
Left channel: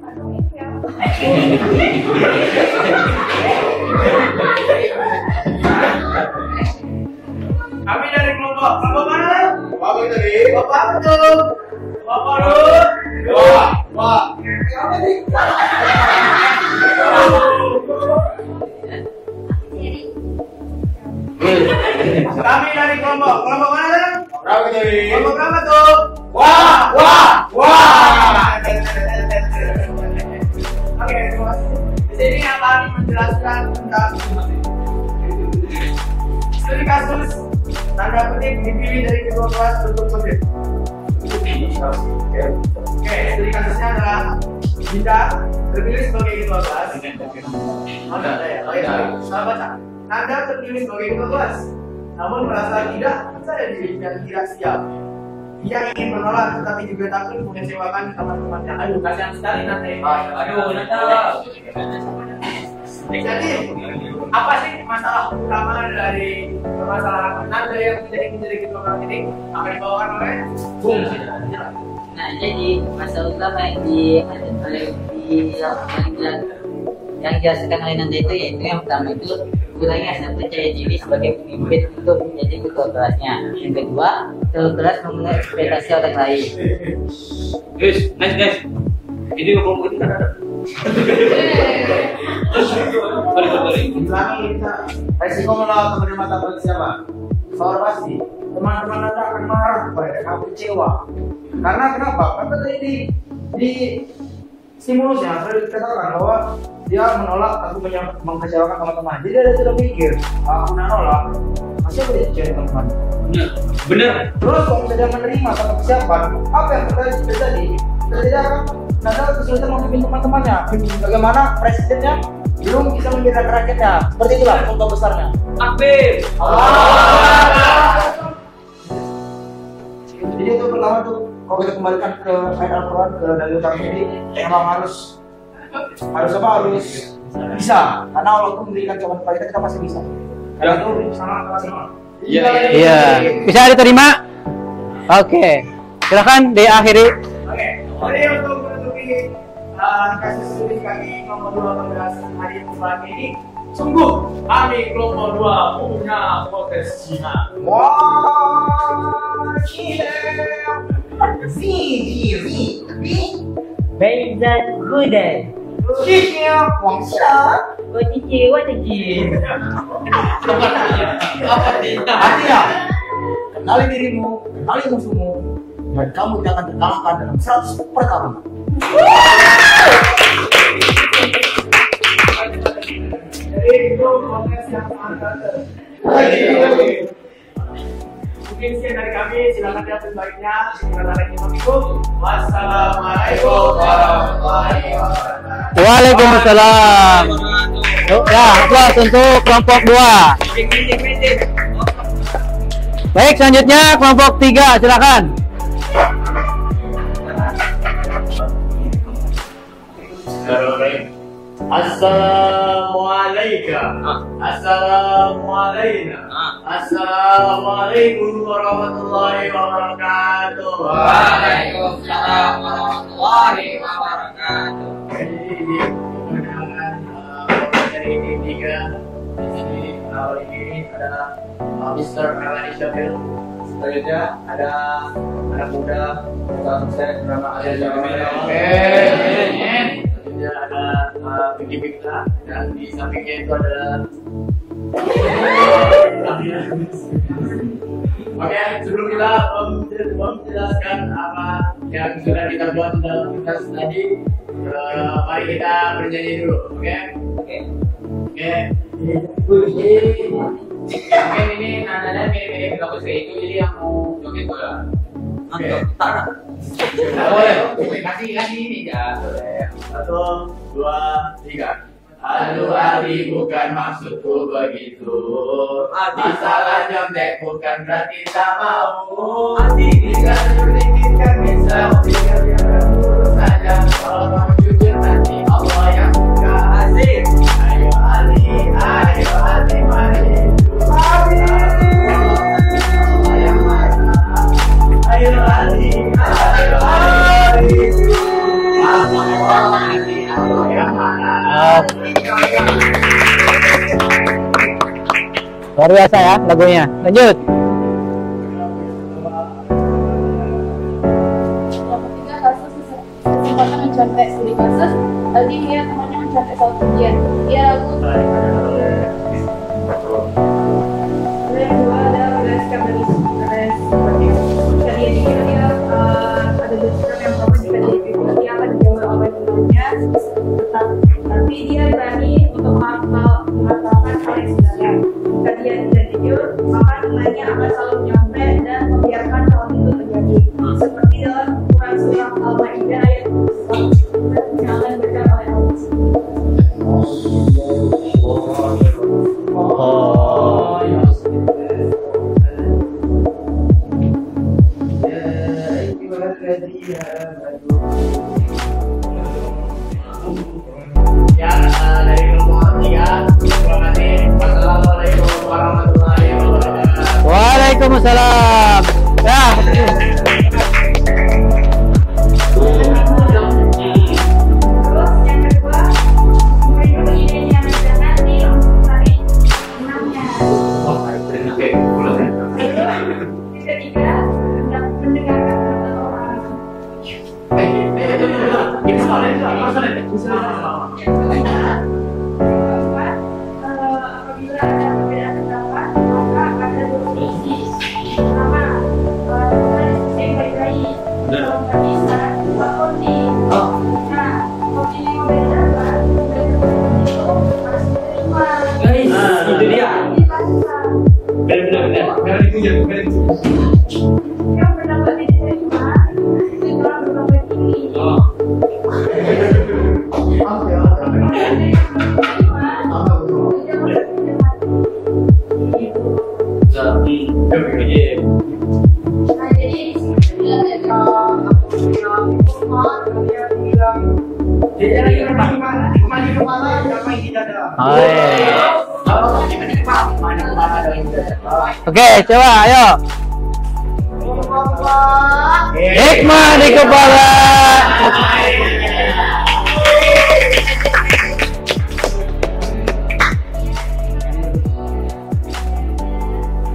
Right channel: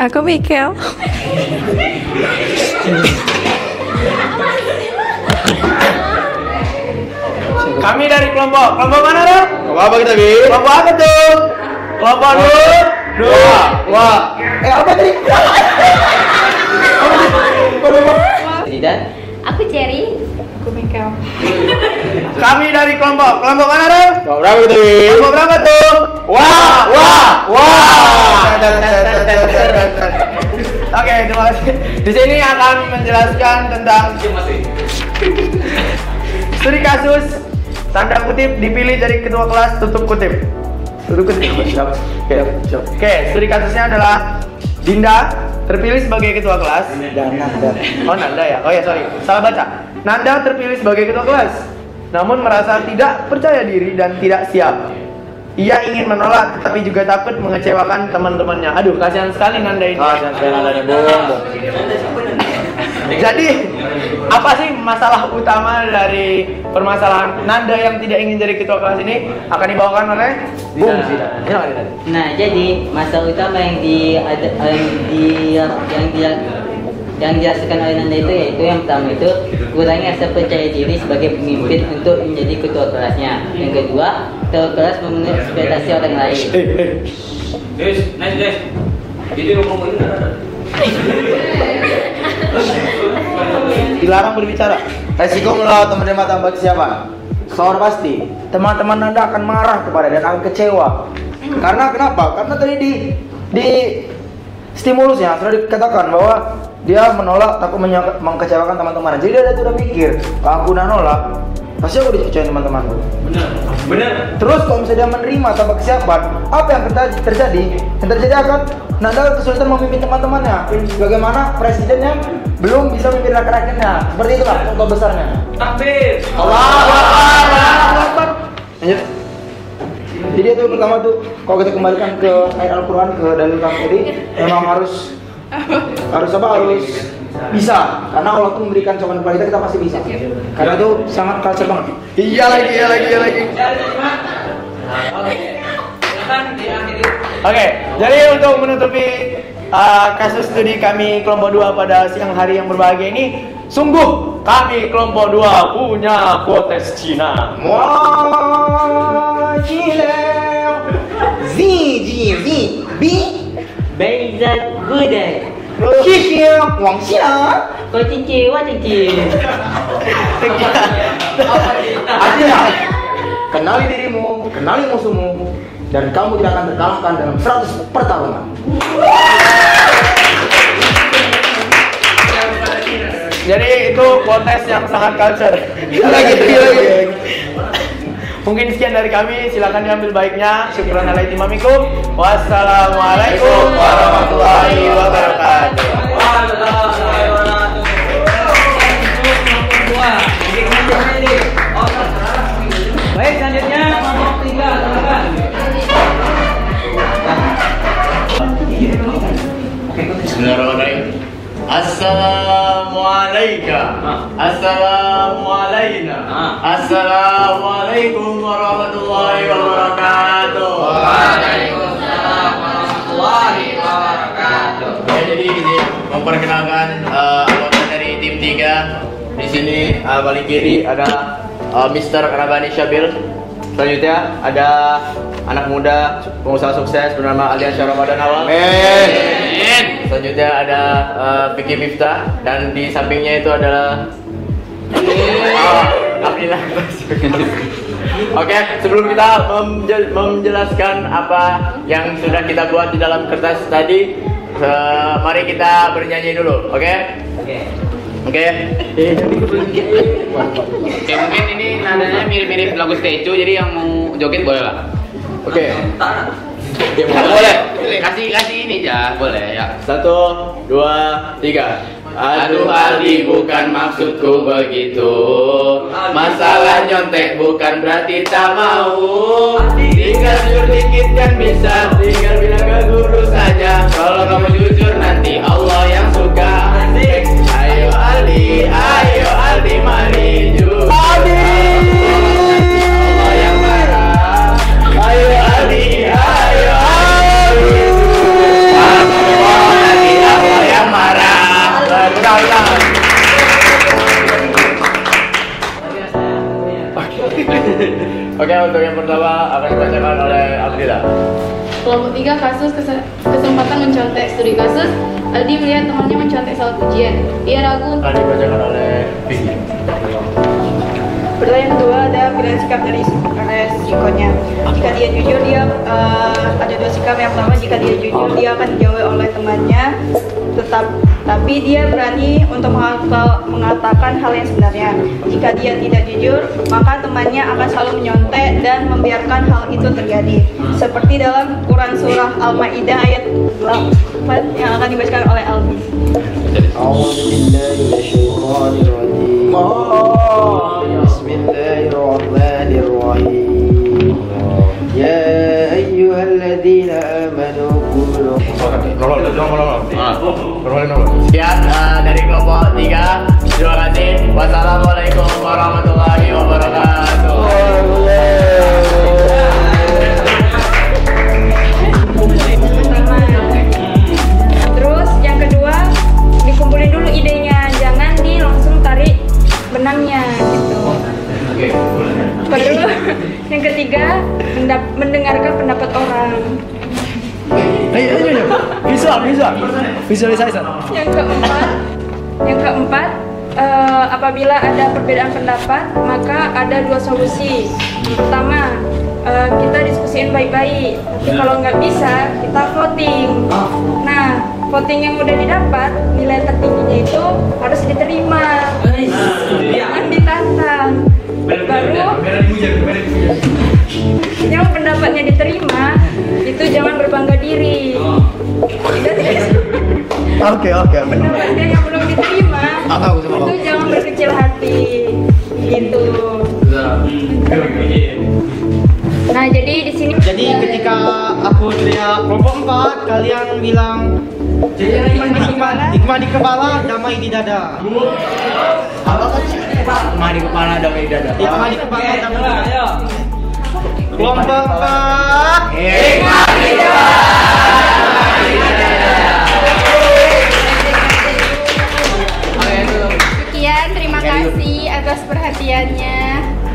Aku Mikel. Kami dari kelompok mana Ren? Kelompok apa kita Bi? Kelompok apa tuh? Kelompok dua. Wah. Apa tadi? Zidan. Aku Cherry. Aku Mikel. Kami dari kelompok mana Ren? Kelompok berapa itu Bi? Kelompok berapa tuh? Wah. Oke, terima kasih. Di sini akan menjelaskan tentang studi kasus tanda kutip dipilih jadi ketua kelas, tutup kutip. Tutup kutip. Oke, studi kasusnya adalah Dinda terpilih sebagai ketua kelas. Oh, Nanda ya. Oh ya, sorry. Salah baca. Nanda terpilih sebagai ketua kelas, namun merasa tidak percaya diri dan tidak siap. Ia ingin menolak, tapi juga takut mengecewakan teman-temannya. Aduh, kasihan sekali Nanda ini. Jadi, apa sih masalah utama dari permasalahan Nanda yang tidak ingin jadi ketua kelas ini? Akan dibawakan oleh Bung. Nah, jadi masalah utama yang dijelaskan oleh Nanda itu yaitu yang pertama itu kurangnya rasa percaya diri sebagai pemimpin untuk menjadi ketua kelasnya. Yang kedua, terlalu keras memenuhi ekspektasi orang lain. Nice. Ini ngomongin ada. Dilarang berbicara. Resiko melawan menerima tambah siapa? Soal pasti teman-teman Nanda akan marah kepada dan akan kecewa. Karena kenapa? Karena tadi di stimulusnya sudah dikatakan bahwa dia menolak, takut mengecewakan teman-teman. Jadi dia sudah pikir, kalau aku udah nolak, pasti aku dipercaya teman-temanku. Benar. Terus kalau misalnya dia menerima tanpa kesiapan, apa yang terjadi? Yang terjadi akan Nanda kesulitan memimpin teman-temannya. Bagaimana presidennya belum bisa memimpin rakyat-rakyatnya. Seperti itulah contoh besarnya. Takbir. Allah. Lanjut. Jadi itu pertama tuh, kalau kita kembalikan ke ayat Al-Quran, ke dalil kami tadi, memang harus bisa. Karena Allah tuh memberikan cobaan kepada kita pasti bisa. Karena itu sangat culture banget. Iya. Bisa diterima? Oke. Silakan diakhiri. Oke, jadi untuk menutupi kasus studi kami kelompok 2 pada siang hari yang berbahagia ini, sungguh kami kelompok 2 punya potes Cina. Wah, gila. Beizat Gudai. Kikir, Wang Xia. Kau cici, wah cici. Artinya, kenali dirimu, kenali musuhmu, dan kamu tidak akan terkalahkan dalam 100 pertarungan. Jadi itu potes yang sangat culture. Mungkin sekian dari kami, silakan diambil baiknya. Syukran alaikum mamikum. Wassalamualaikum warahmatullahi wabarakatuh. Waalaikumsalam. Ya, aplaus untuk kelompok 2. Baik, selanjutnya kelompok 3, silakan. Bismillahirrahmanirrahim. Assalamualaikum. Assalamualaikum. Assalamualaikum warahmatullahi wabarakatuh. Waalaikumsalam warahmatullahi wabarakatuh. Jadi ini memperkenalkan anggota dari tim 3. Di sini paling kiri ada Mr. Rabani Syabil. Selanjutnya ada anak muda pengusaha sukses bernama Aliansyah Ramadan Awal. Selanjutnya ada Vicky Miftah, dan di sampingnya itu adalah Aminah. Oke, sebelum kita menjelaskan apa yang sudah kita buat di dalam kertas tadi, mari kita bernyanyi dulu, oke? Oke. Mungkin ini nadanya mirip-mirip lagu Statue, jadi yang mau joget boleh lah. Oke. Boleh. Kasih ini ya, boleh ya. 1, 2, 3. Aduh Aldi, bukan maksudku begitu. Masalah nyontek bukan berarti tak mau. Tinggal sedikit kan bisa, tinggal bilang ke guru saja. Kalau kamu jujur nanti Allah yang suka. Asik. Ayo Aldi, mari jujur. Allah yang marah. Ayo Aldi. Nanti Allah yang marah. Luar biasa ya lagunya. Lanjut. Oke, untuk yang pertama akan dibacakan oleh Abdillah. Kelompok 3 kasus kesempatan mencontek. Studi kasus, Aldi melihat temannya mencontek soal ujian. Ia ragu untuk Dibacakan oleh Vicky. Pertanyaan kedua ada pilihan sikap dari RS berikutnya. Jika dia jujur, dia ada dua sikap. Yang pertama, jika dia jujur, dia akan dijauhi oleh temannya, tapi dia berani untuk mengatakan hal yang sebenarnya. Jika dia tidak jujur, maka temannya akan selalu menyontek dan membiarkan hal itu terjadi. Seperti dalam Quran surah Al-Maidah ayat 8 yang akan dibacakan oleh Alvis. Bismillahirrahmanirrahim. Ya ayyuhalladzina amanu qulu. Sekian dari kelompok 3. Terima kasih. Wassalamualaikum warahmatullahi wabarakatuh. Waalaikumsalam. Ya. Terus yang kedua, dikumpulin dulu idenya, jangan langsung tarik benangnya gitu. Kedua, yang ketiga, mendengarkan pendapat orang. Visualisasi. Yang keempat, apabila ada perbedaan pendapat, maka ada dua solusi. Pertama, kita diskusiin baik-baik. Tapi kalau nggak bisa, kita voting. Nah, voting yang udah didapat, nilai tertingginya itu harus diterima. Jangan ditantang. Baru yang pendapatnya diterima, itu jangan berbangga diri. Oke. Pendapatnya yang belum diterima, itu jangan berkecil hati. Gitu. Nah, jadi di sini. Jadi ketika aku lihat kelompok 4, kalian bilang hikmah di kepala, damai di dada. Hikmah di kepala, damai di dada. Oke, coba ayo. Kelompok 4, Hikmah di kepala. Sekian, terima kasih atas perhatiannya.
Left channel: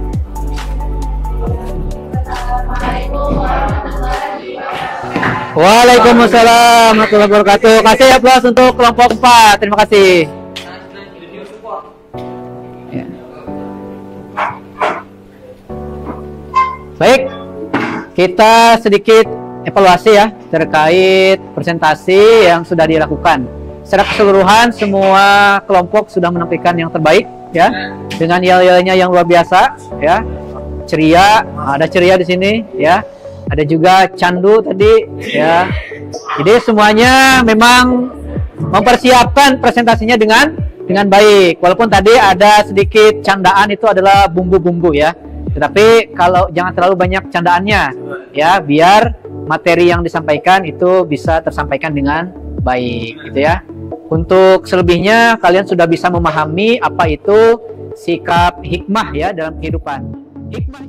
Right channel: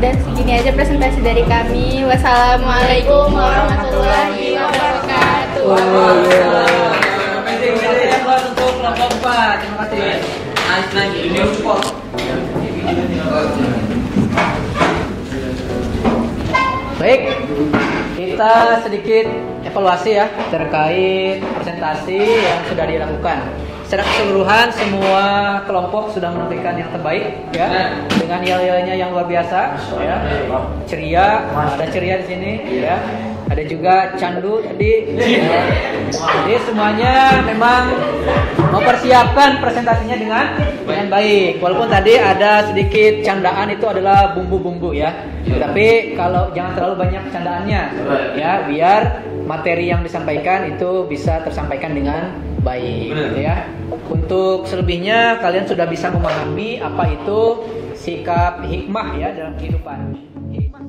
Dan segini aja presentasi dari kami. Wassalamualaikum warahmatullahi wabarakatuh. Waalaikumsalam warahmatullahi wabarakatuh. Kasih aplaus untuk kelompok 4. Terima kasih. Baik, kita sedikit evaluasi ya terkait presentasi yang sudah dilakukan. Secara keseluruhan semua kelompok sudah menampilkan yang terbaik ya, dengan yel-yelnya yang luar biasa ya. Ceria, ada ceria di sini ya. Ada juga candu tadi ya. Jadi semuanya memang mempersiapkan presentasinya dengan baik. Walaupun tadi ada sedikit candaan, itu adalah bumbu-bumbu ya. Tapi kalau jangan terlalu banyak candaannya ya, biar materi yang disampaikan itu bisa tersampaikan dengan baik gitu ya. Untuk selebihnya kalian sudah bisa memahami apa itu sikap hikmah ya dalam kehidupan. Hikmah.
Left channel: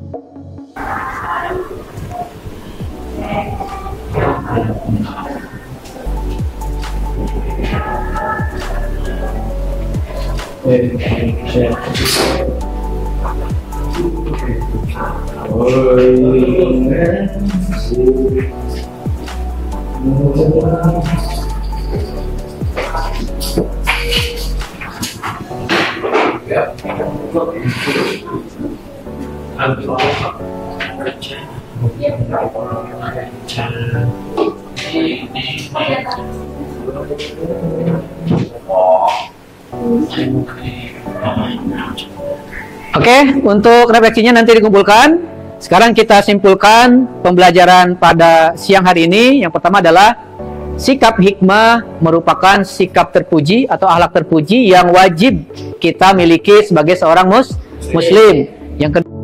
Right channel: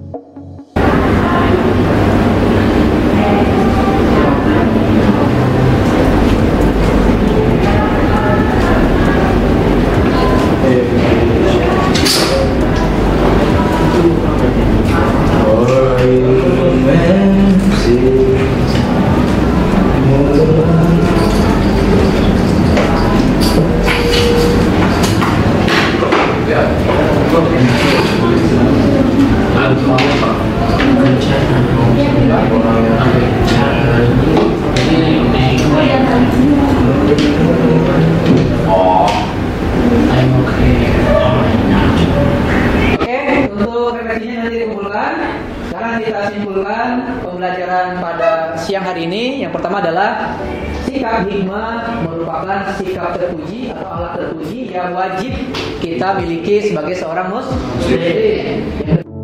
Oke, untuk refleksinya nanti dikumpulkan. Sekarang kita simpulkan pembelajaran pada siang hari ini. Yang pertama adalah sikap hikmah merupakan sikap terpuji atau akhlak terpuji yang wajib kita miliki sebagai seorang muslim. Yang kedua,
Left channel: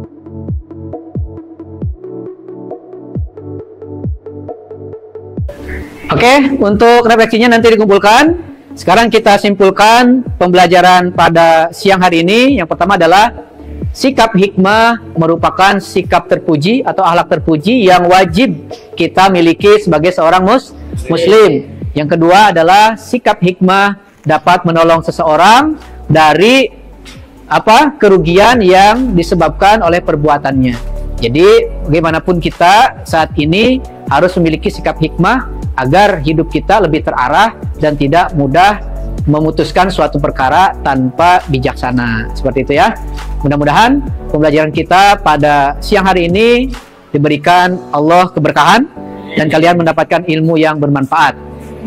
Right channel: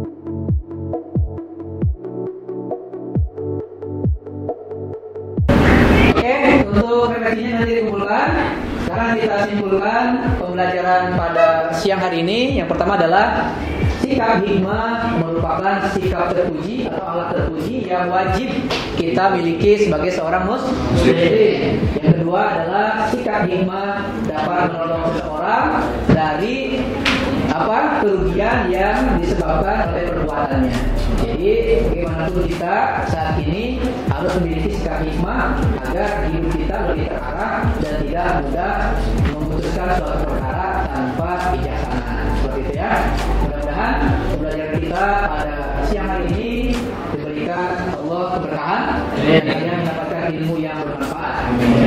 oke, untuk refleksinya nanti dikumpulkan. Sekarang kita simpulkan pembelajaran pada siang hari ini. Yang pertama adalah sikap hikmah merupakan sikap terpuji atau akhlak terpuji yang wajib kita miliki sebagai seorang muslim. Yang kedua adalah sikap hikmah dapat menolong seseorang dari kerugian yang disebabkan oleh perbuatannya. Jadi bagaimanapun kita saat ini harus memiliki sikap hikmah agar hidup kita lebih terarah dan tidak mudah memutuskan suatu perkara tanpa bijaksana. Seperti itu ya. Mudah-mudahan pembelajaran kita pada siang hari ini diberikan Allah keberkahan dan kalian mendapatkan ilmu yang bermanfaat.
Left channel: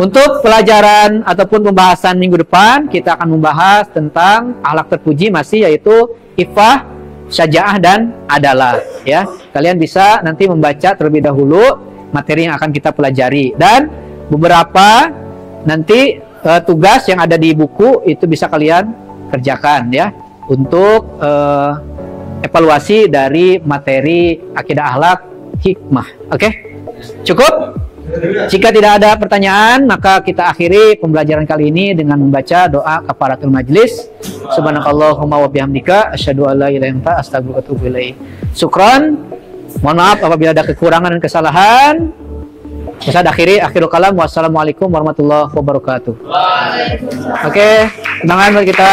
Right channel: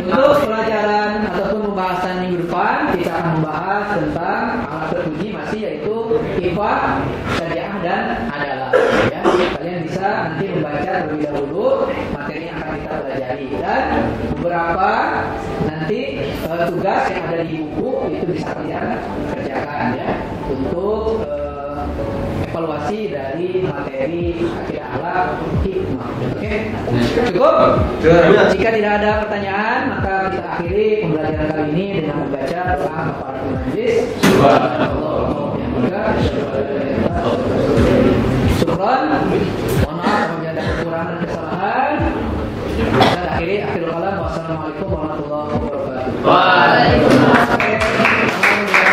Untuk pelajaran ataupun pembahasan minggu depan, kita akan membahas tentang akhlak terpuji masih, yaitu ifah, syaja'ah dan adalah, ya. Kalian bisa nanti membaca terlebih dahulu materi yang akan kita pelajari, dan beberapa nanti tugas yang ada di buku itu bisa kalian kerjakan, ya, untuk evaluasi dari materi akidah akhlak hikmah. Oke? Cukup? Jika tidak ada pertanyaan, maka kita akhiri pembelajaran kali ini dengan membaca doa kafaratul majlis. Subhanakallahumma wa bihamdika asyhadu an la ilaha illa anta astaghfiruka wa atubu ilaik. Syukran. Mohon maaf apabila ada kekurangan dan kesalahan. Saya akhiri akhirul kalam. Wassalamualaikum warahmatullahi wabarakatuh. Oke, undangan buat kita.